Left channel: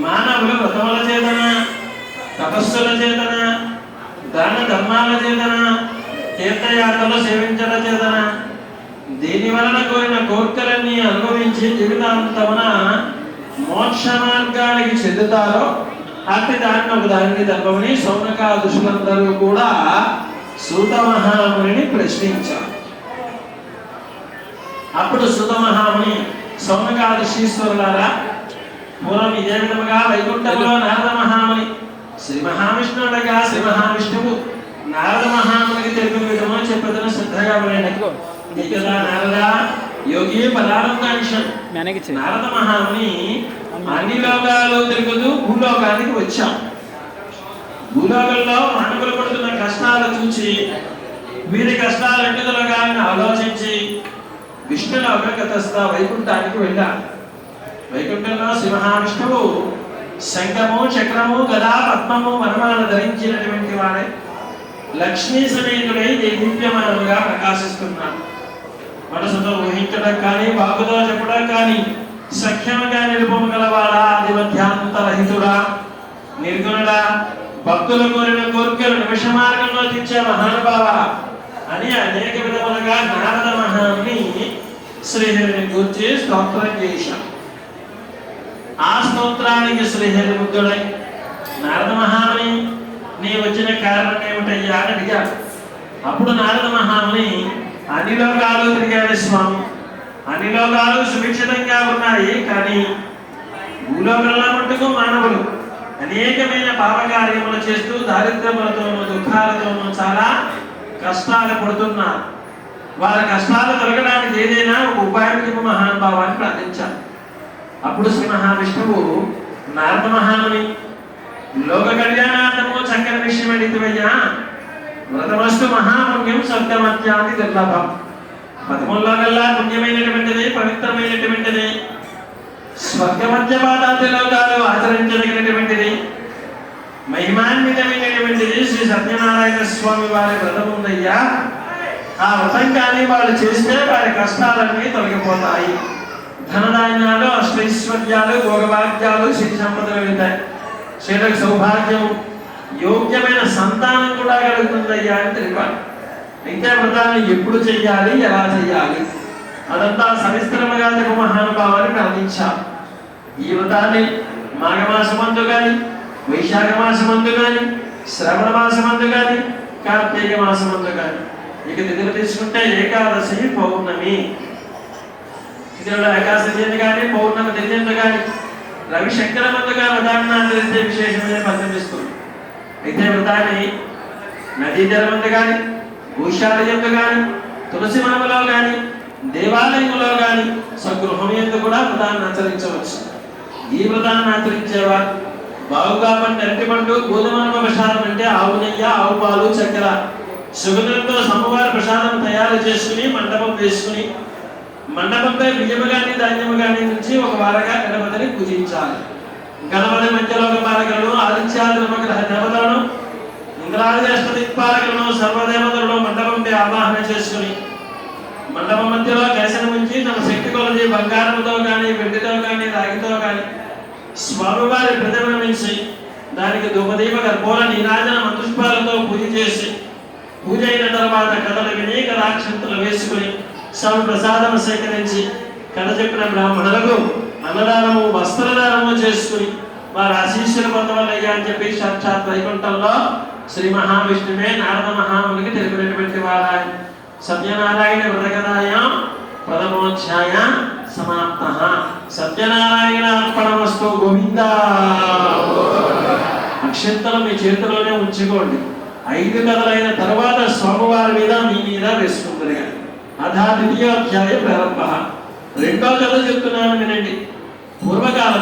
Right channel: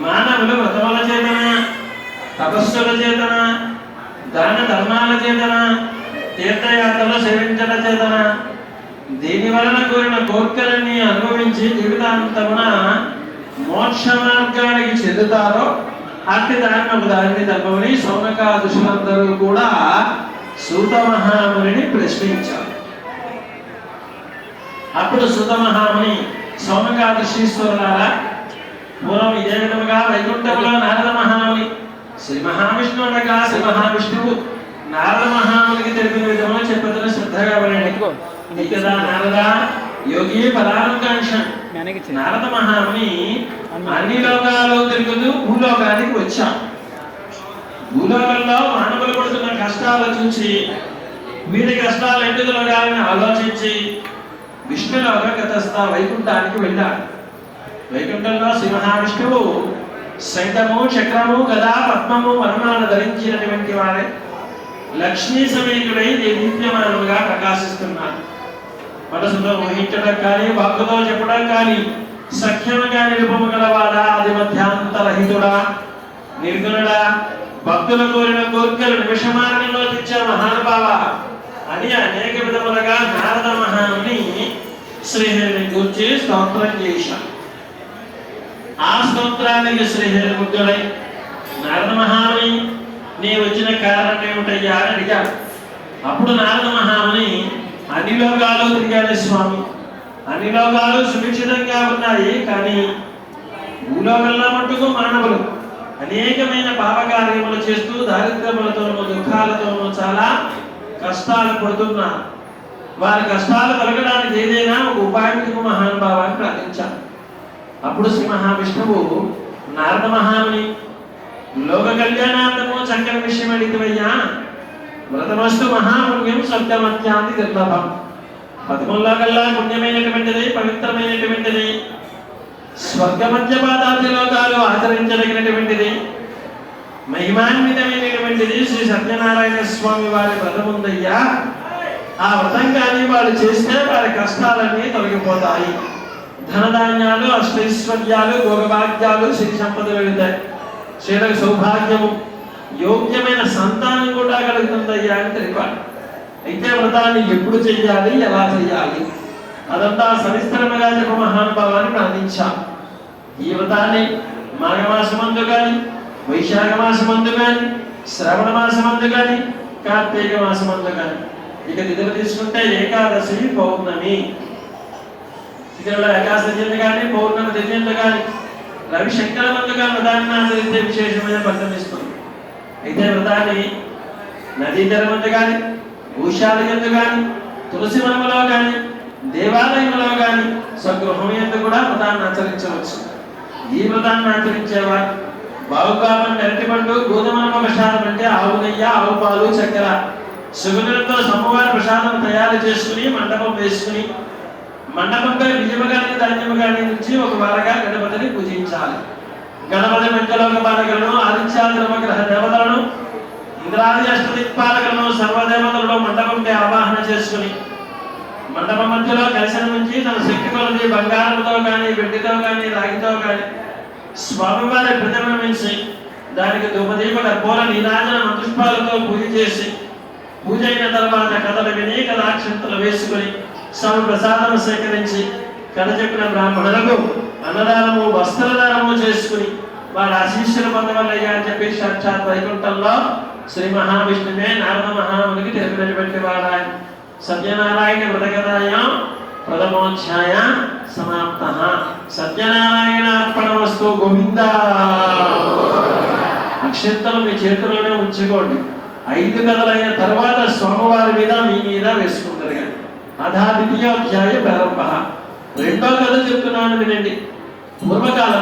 మానవులు వ్రతముల చేతన తపస్సుల చేతన దాన ధర్మాల చేతన తీర్థయాత్రలు సేవించడం చేతన దీని వలన కోరిన కోర్కెలన్నీ అనుభవించి జీవితాంతమున మోక్ష మార్గానికి చెందుతారో అతి దారిని ఒక దారిని తప్పమని సౌనకాదుషులందరూ కూడా సూత మహాముని ప్రశ్నించారు. అప్పుడు సుత మహాముని సౌనకాదశీశ్వరులారా పూర్వం ఇదే విధముగా నారద మహాముని శ్రీ మహావిష్ణువుడగా శ్రీ మహావిష్ణువు నారద మహామునికి తెలిపిన విధముగా చెప్పదన శ్రద్ధగా వినండి. ఇతదా నారద యోగి పదార్థాంశ నారద మహాముని అన్ని లోకాలు తిరుగుతూ భూలోకానికి వచ్చాం. భూలోకంలో మానవులు పడుతున్న కష్టాలు చూసి వీరి కష్టాలు ఎందుకు తొలగాలని ఆలోచించి విష్ణులోక గతస్థ వైకుంఠానికి వెళ్ళాడు వైకుంఠంలో శ్రీ శంఖము చక్రము గదా పద్మము వనమాల ధరించినటువంటి వాడే. లక్ష్మీ సమేతుడై దివ్యమానుగా ప్రకాశిస్తున్నారు మనసులో ఊహించడం కానీ వాక్కుతో చెప్పడం కానీ సఖ్యముగా నిలుపము గలవాడా? ఆది మధ్యాంతరహితుడా నిర్గుణుడా? భక్తులు కోరిన కోరికలు నిమిష మార్గంలో తెచ్చే మహానుభావ అని అనేక విధములుగా నారద మహాన్ని శ్రీహరిని గురించి స్తోత్రం చేశాం ఆ స్తోత్రానికి శ్రీహరి ముగ్గుడై నారద మహాముని నీ వచ్చిన కారణం ఏమిటయ్యా అని అడిగాడు అప్పుడు నారద మహాముని అన్ని లోకాలు తిరిగారు స్వామి. అన్ని లోకాలు సురక్షితంగా ఉన్నాయి కానీ భూలోకంలో మటుకు మానవులు అనేకమైన పాపకార్యములు చేస్తూ దారిద్ర్యములతోనూ దుఃఖాలతోనూ చాలా కష్టాలు పడుతున్నారు. వారి కష్టాలు తొలగడానికి ఏదైనా ఒక ఉపాయం కింద మహానుభావాన్ని ప్రార్థించారు అప్పుడు శ్రీ మహావిష్ణువు నారద మహాముని లోక కళ్యాణార్థము చక్కని విషయం అడిగివయ్యా వ్రతవస్తు మహాపుణ్యం స్వర్గమత్యాది దుర్లభం. పదముల్లో కల్లా పుణ్యమైనటువంటిది పవిత్రమైనటువంటిది స్వర్గమధ్య పాదాది లోకాలు ఆచరించదగినటువంటిది మహిమాన్వితమైనటువంటిది శ్రీ సత్యనారాయణ స్వామి వారి వ్రతం ఉందయ్యా. ఆ వ్రతం కానీ వాళ్ళు చేస్తే వారి కష్టాలన్నీ తొలగిపోతాయి. ధనధాన్యాలు అష్టైశ్వర్యాలు భోగభాగ్యాలు శక్తి సంపదలు కలుగుతాయి శ్రీలకు సౌభాగ్యము యోగ్యమైన సంతానం కూడా కలుగుతుందయ్యా అని తెలిపాలి అయితే వ్రతాన్ని ఎప్పుడు చెయ్యాలి ఎలా చెయ్యాలి అదంతా సవిస్తరముగా చెప్ప మహానుభావాన్ని అందించాలి ఈ వ్రతాన్ని మాఘమాసమందు కానీ వైశాఖ మాసమందు కానీ శ్రవణ మాసమందు కానీ కార్తీక మాసమందు కానీ ఇక తిథులు తీసుకుంటే ఏకాదశి పౌర్ణమి తిథుల ఏకాదశి కానీ పౌర్ణమి తిథి కానీ రవి శంకరమంతగా వ్రతాన్ని ఆచరిస్తే విశేషమైన ఫలితం ఇస్తుంది. అయితే వ్రతాన్ని నదీ జలమంత కానీ భూషాలి ఎందు కానీ తులసి మనములో కానీ దేవాలయంలో కానీ స్వగృహం కూడా వ్రతాన్ని ఆచరించవచ్చు. ఈ వ్రతాన్ని ఆచరించేవారు బావుగా అరటిపండు గోధుమల ప్రసాదం అంటే ఆవు నెయ్యి ఆవు పాలు చక్కెర. సుగంధంతో సమవార ప్రసాదం తయారు చేసుకుని మండపం వేసుకుని మండపంపై బియ్యము కానీ ధాన్యము కానీ నుంచి ఒక వారగా గణపతిని పూజించాలి. గణపతి పంచలోక పాలకులను ఆదిత్యాగ్రహ దేవతలను ఇంద్రాది అష్టదిక్పాలకులను సర్వదేవతలను మండపంపై ఆవాహన చేసుకుని మండపం మధ్యలో కలశం ఉంచి తమ శక్తి కొలది బంగారంతో కానీ వెండితో కానీ రాగితో కానీ స్వామివారి ప్రతిమ నుంచి దానికి ధూపదీప గర్భోల నీరాజన మంత్రుష్పాలతో పూజ చేసి పూజ అయిన తర్వాత కథలు విని కథాక్షంతలు వేసుకుని స్వామి ప్రసాదము సేకరించి కథ బ్రాహ్మణులకు అన్నదానము వస్త్రదానము చేసుకుని వారు ఆశీస్సులు పొందవలయ్యా అని చెప్పి సాక్షాత్ వైకుంఠంలో శ్రీ మహావిష్ణువే నారద మహామునికి తెలిపినటువంటి వారాయ సత్యనారాయణ వ్రతకథాయ పదమోధ్యాయ సమాప్త. సత్యనారాయణ అర్పణమస్తు గోవింద. అక్షంతలు మీ చేతుల్లోనే ఉంచుకోండి. ఐదు కథలైన తర్వాత స్వామివారి మీద మీ మీద వేసుకుంటారు కానీ అధా ద్వితీయోధ్యాయ ప్రారంభ రెండో కథ చెప్తున్నాను వినండి. పూర్వకాలం